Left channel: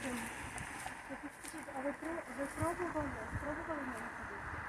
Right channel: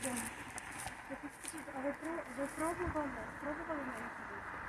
телефон. Я почти, а ви, ви пробували? Пробували на ходити?